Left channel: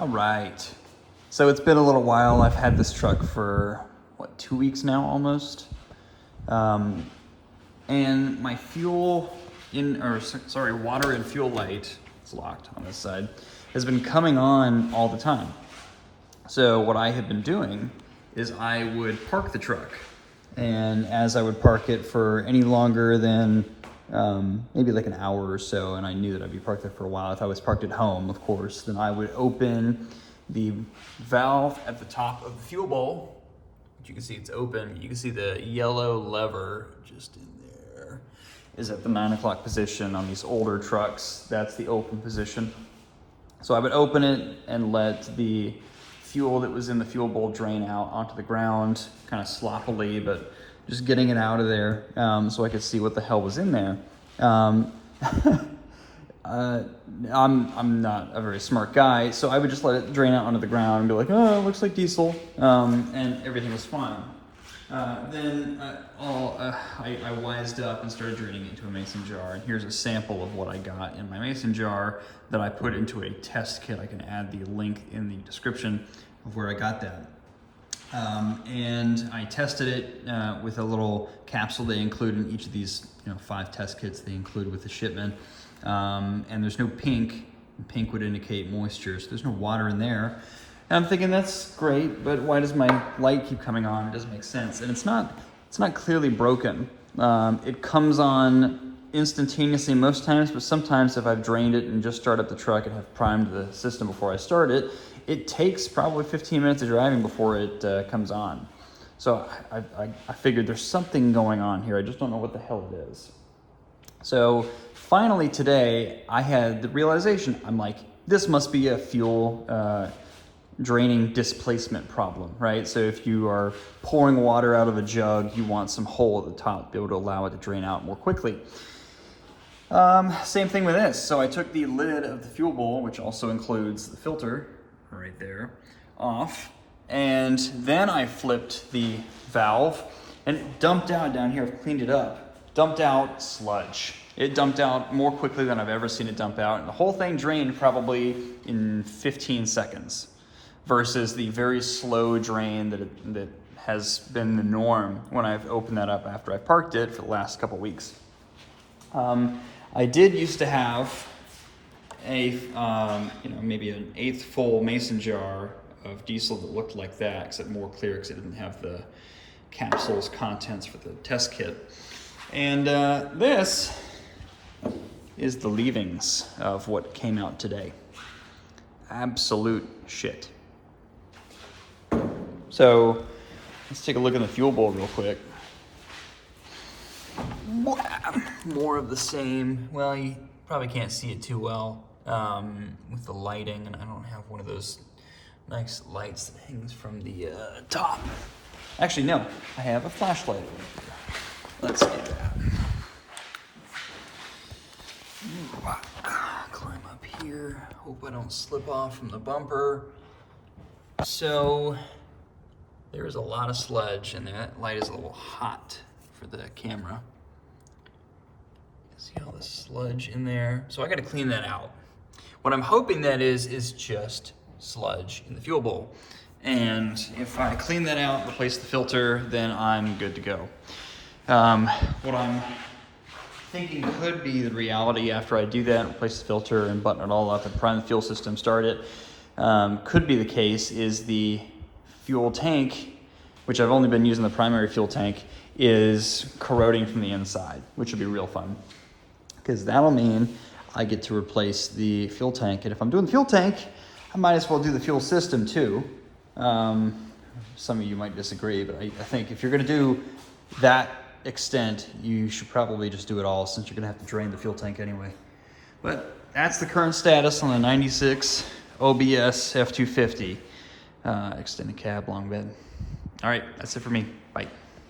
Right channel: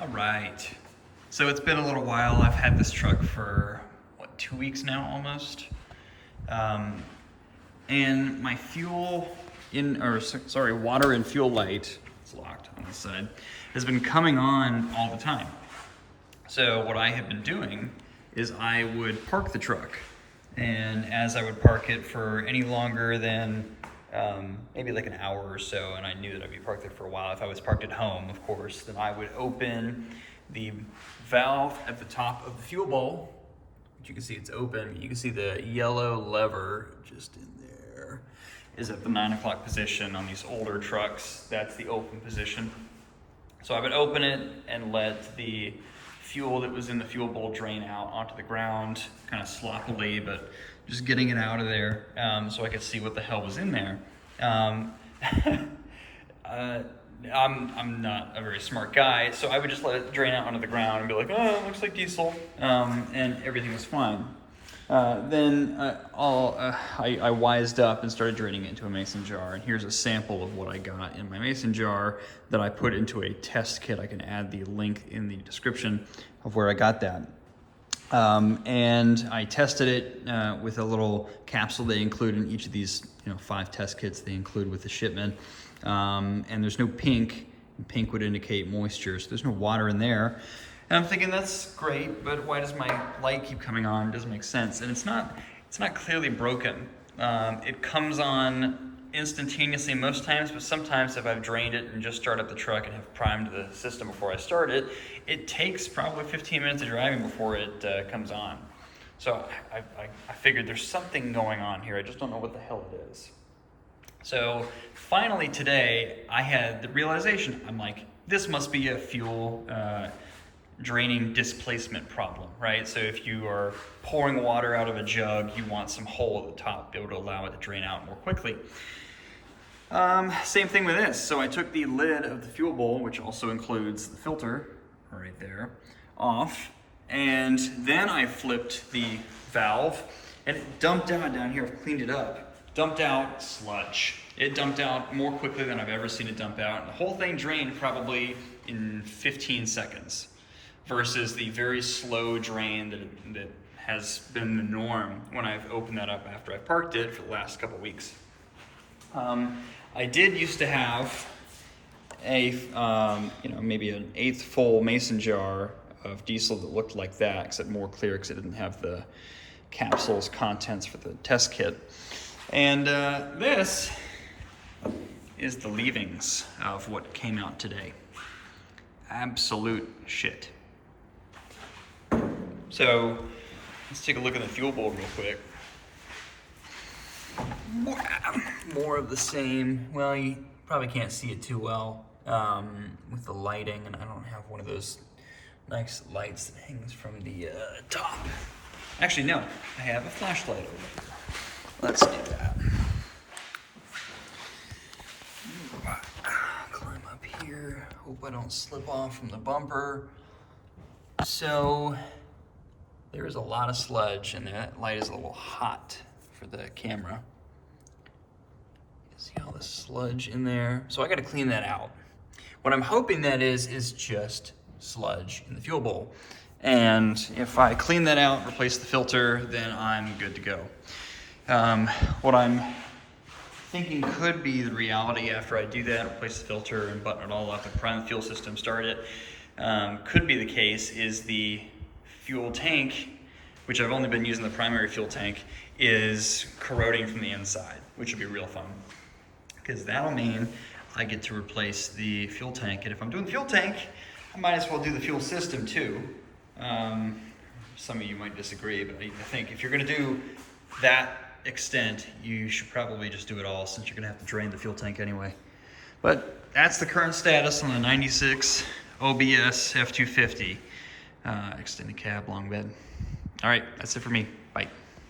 All right. So it's been a little while. I've had this truck for, what, 2 weeks now almost? And my water and fuel light, it's locked on this side, has been coming on all the time. So what I have been doing is I would park the truck. And as I would park it for any longer than maybe like an hour or so, and I knew that I'd be parked there for a while, if I was parked at home, of course, then I would open the valve at the top of the fuel bowl, which you can see it's open. You can see the yellow lever just in there is at the 9 o'clock position on these older trucks. That's the open position. So I would open it and let the fuel that was in the fuel bowl drain out onto the ground, kind of sloppily, but just getting it out of there so I could see what the hell was in there. I'm not a very smart guy, so I would just let it drain out onto the ground and be like, oh, it looks like diesel, and everything was fine. Then I wised up and started draining it into a mason jar, and here's a sample of what I got in my mason jar that I put into a test kit. I can add the link in the description of where I got that. And I tested it with a little capsule they include in each of these 5 test kits they include with the shipment. And there's no pink. Pink would indicate moisture, so there's no water in there. And I'm thinking, that's great, but why does my light keep coming on? It doesn't make sense. And it's not clearly broken. It comes on instantaneously most times, but sometimes if I've drained it and just started up the truck and have primed the system before I start it, it takes probably 15 minutes of driving before it comes on. So I figured there's something going on here. I just don't know what the hell it is. So finally today, I had the realization, I'm like, this must be a fuel draining displacement problem, right? So if you are pouring water out of a jug, you want some hole at the top to be able to allow it to drain out more quickly. Same thing with this. So I took the lid of the fuel bowl, which also includes the filter right there, off, and then I flipped the valve and it dumped out down here. I've cleaned it up. Dumped out sludge. It dumped out more quickly than I've ever seen it dump out, and the whole thing drained probably in 15 seconds versus the very slow drain that has been the norm when I've opened that up after I parked it for the last couple weeks. I did used to have a, maybe an 1/8 full mason jar of diesel that looked like that, except more clear because it didn't have the capsule's contents for the test kit. And this is the leavings of what came out today. Absolute shit. So let's take a look at the fuel bowl real quick. More of the same. Well, you probably can't see it too well with the lighting, and I don't have one of those nice lights that hangs from the top. Actually, no, I have a flashlight over there. Let's do that. Climb up here. Hope I don't slip off from the bumper. So there's a lot of sludge, and that light is a little hot for the camera. You see all the sludge in there? So I got to clean that out. What I'm hoping that is just sludge in the fuel bowl. And if I clean that out, replace the filter, then I'm good to go. What I'm thinking could be the reality after I do that, replace the filter and button it all up and prime the fuel system, start it, could be the case is the fuel tank, which I've only been using the primary fuel tank, is corroding from the inside, which would be real fun. Because that'll mean I get to replace the fuel tank. And if I'm doing the fuel tank, I might as well do the fuel system too. Some of you might disagree, but I think if you're gonna do that extent, you should probably just do it all, since you're gonna have to drain the fuel tank anyway. But that's the current status on a 96 OBS F250 extended cab long bed. All right, that's it for me. Bye.